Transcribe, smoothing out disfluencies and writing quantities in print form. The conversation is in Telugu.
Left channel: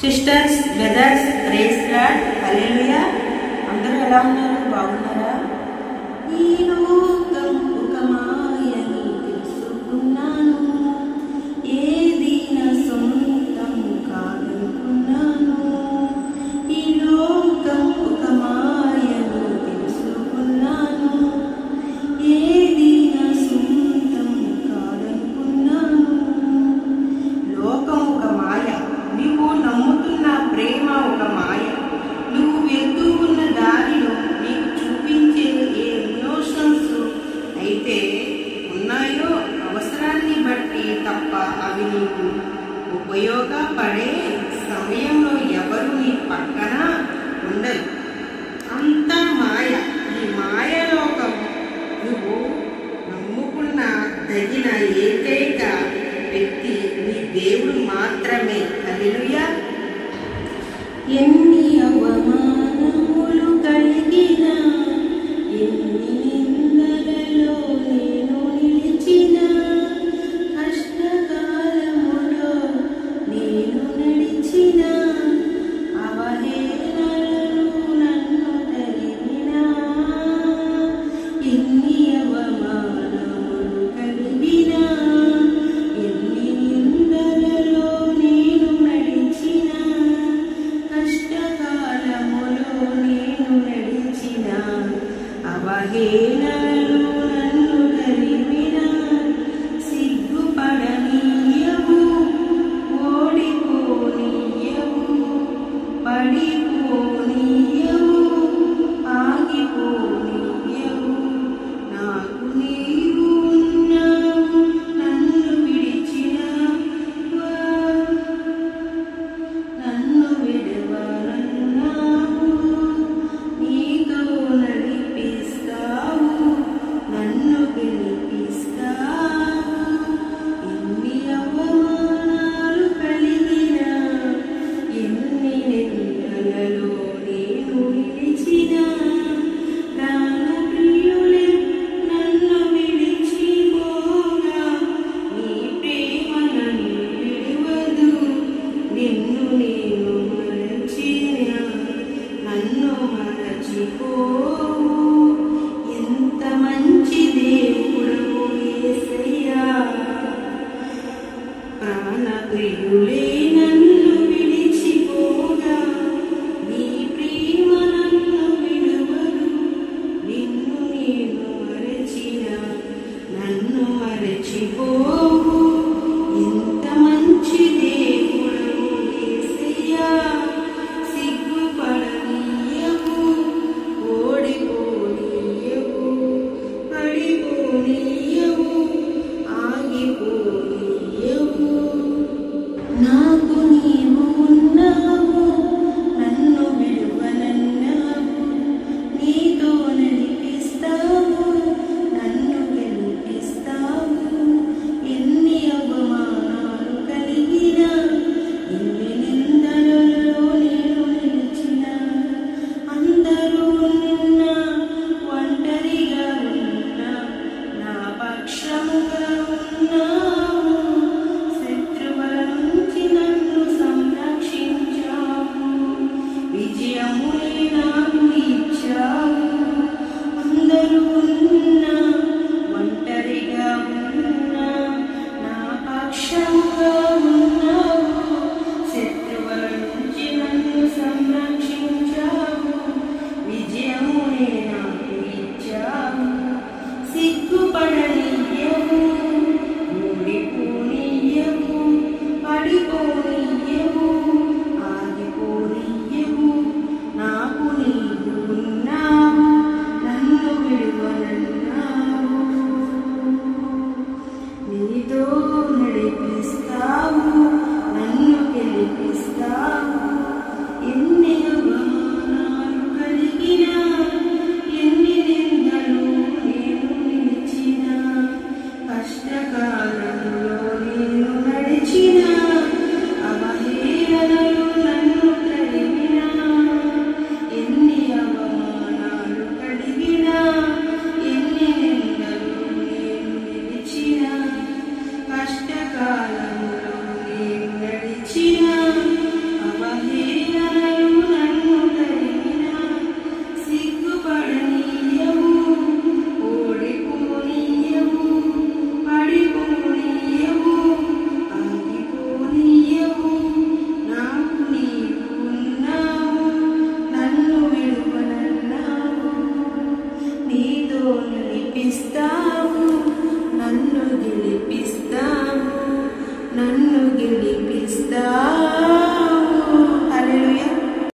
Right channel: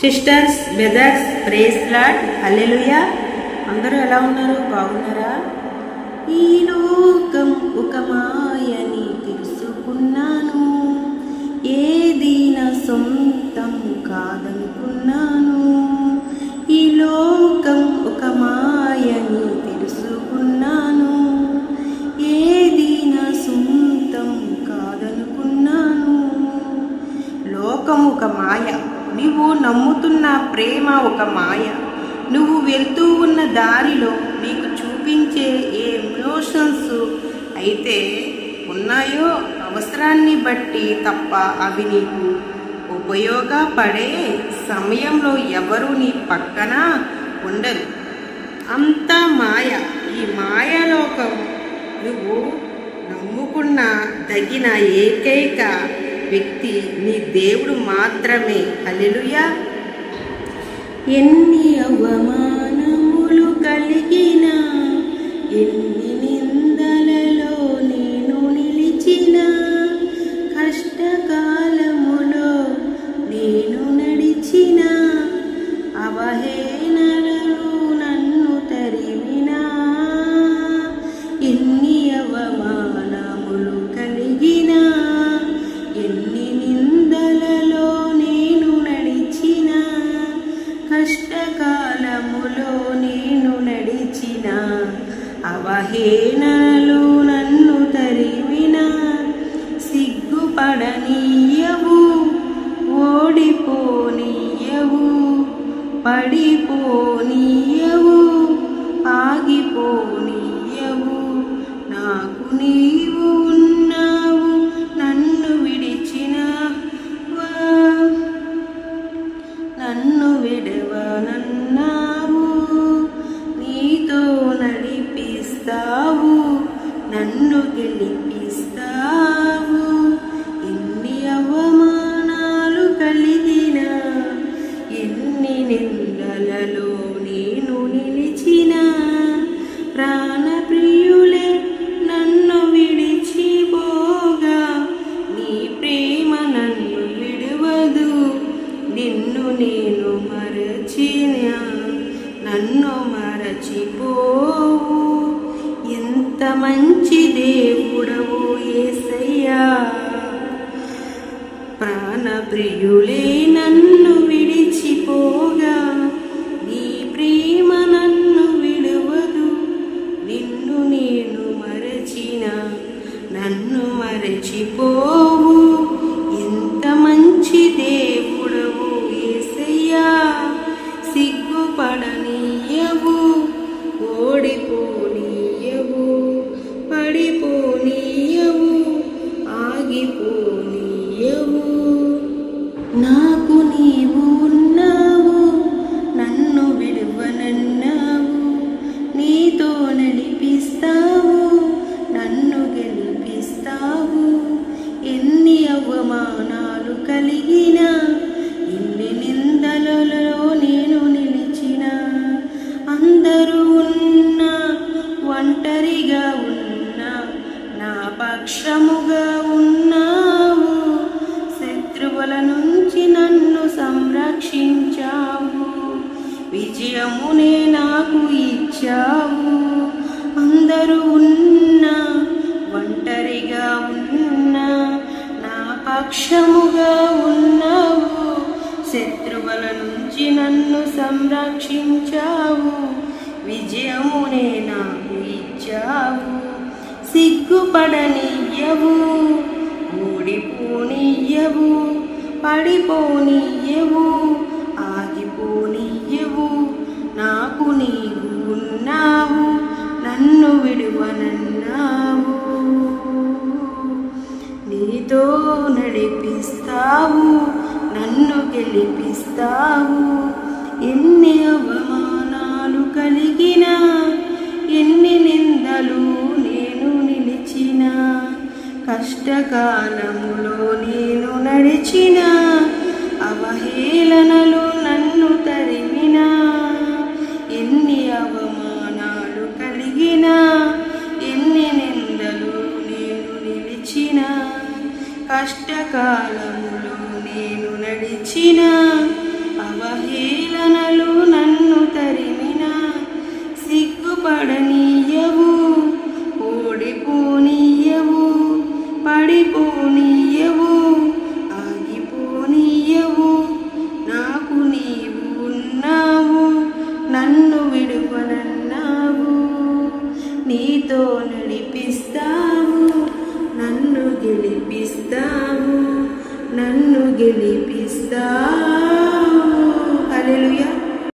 సిస్టర్స్, బ్రదర్స్, ప్రైజ్ లార్డ్, హల్లెలూయా. అందరూ ఎలా ఉన్నారు? బాగున్నారా? ఈ లోకం ఒక మాయని తెలుసుకున్నాను, ఏది నా సొంతం కాదనుకున్నాను. ఈ లోకం ఒక మాయని తెలుసుకున్నాను, ఏది నా సొంతం కాదనుకున్నాను. లోకం ఒక మాయ, నువ్వు నమ్ముతున్న ప్రేమ ఒక మాయ. నువ్వు వెళ్తూ ఉన్న దారిలో నీకు చూపించే ఏ ఎమోషన్స్ అయితే ఉన్నాయో అవసరాన్ని బట్టి తప్ప అవి నీకు ఉపయోగపడే సమయంలో ఎవరు నీ పక్కన ఉండరు. అంతా మాయ. ఈ మాయలోకం నువ్వు నమ్ముకున్న దగిన ఏకైక వ్యక్తి నీ దేవుడు మాత్రమే. హల్లెలూయా. ఎన్ని అవమానములు కలిగిన, ఎన్ని నిందలలో నేను నిలిచిన, కష్టకాలములో నేను నడిచిన, అవహేళనలు నన్ను తరిమినా, ఎన్ని అవమానములు కలిగిన, ఎన్ని నిందలలో నేను నడిచిన, కష్టకాలములో నేను నడిచిన, అవహేళనలు నన్ను తరిమిన, సిగ్గుపడనీయవు, ఓడిపోనీయవు, పడిపోనీయవు, ఆగిపోనీయవు. నాకు నీవు ఉన్నావు, నన్ను విడవనన్నావు, నీతో నడిపిస్తావు, నన్ను గెలిపిస్తావు. ఎన్ని అవమానాలు కలిగిన, ఎన్ని నిందలలో నేను నిలిచిన, ప్రాణప్రియులే నన్ను విడిచిపోగా, నీ ప్రేమ నన్ను విడువదు. నిన్ను నేను మరచిన, నన్ను మరచిపోవు. ఎంత మంచి దేవుడవు యేసయ్యా. ప్రాణప్రియులే నన్ను విడిచిపోగా, నీ ప్రేమ నన్ను విడువదు. నిన్ను నేను మరచిన, నన్ను మరచిపోవు. ఎంత మంచి దేవుడవు యేసయ్యా. సిగ్గుపడనీయవు, ఓడిపోనీయవు, పడిపోనీయవు, ఆగిపోనీయవు. నాకు నీవు ఉన్నావు, నన్ను విడువనన్నావు, నీతో నడిపిస్తావు, నన్ను గెలిపిస్తావు. ఎన్ని అవమానాలు కలిగిన, ఎన్ని నిందలలో నేను నిలిచిన, అందరూ ఉన్నా ఒంటరిగా ఉన్నా నా పక్షముగా ఉన్నావు. శత్రువుల నుంచి నన్ను సంరక్షించావు, విజయమునే నాకు ఇచ్చావు. అందరూ ఉన్నా ఒంటరిగా ఉన్నా నా పక్షముగా ఉన్నావు. శత్రువుల నుంచి నన్ను సంరక్షించావు, విజయమునే నాకు ఇచ్చావు. సిగ్గుపడనీయవు, ఓడిపోనీయవు, పడిపోనీయవు, ఆగిపోనీయవు. నాకు నీవు ఉన్నావు, నన్ను విడువనన్నావు, నీతో నడిపిస్తావు, నన్ను గెలిపిస్తావు. ఎన్ని అవమానాలు కలిగిన, ఎన్ని నిందలు నేను నిలిచిన, కష్టకాలంలో నేను నడిచిన, అవహేళనలు నన్ను తరిమిన, ఎన్ని అవమానాలు కలిగిన, ఎన్ని నిందలు నేను నిలిచిన, కష్టకాలంలో నేను నడిచిన, అవహేళనలు ఇస్తా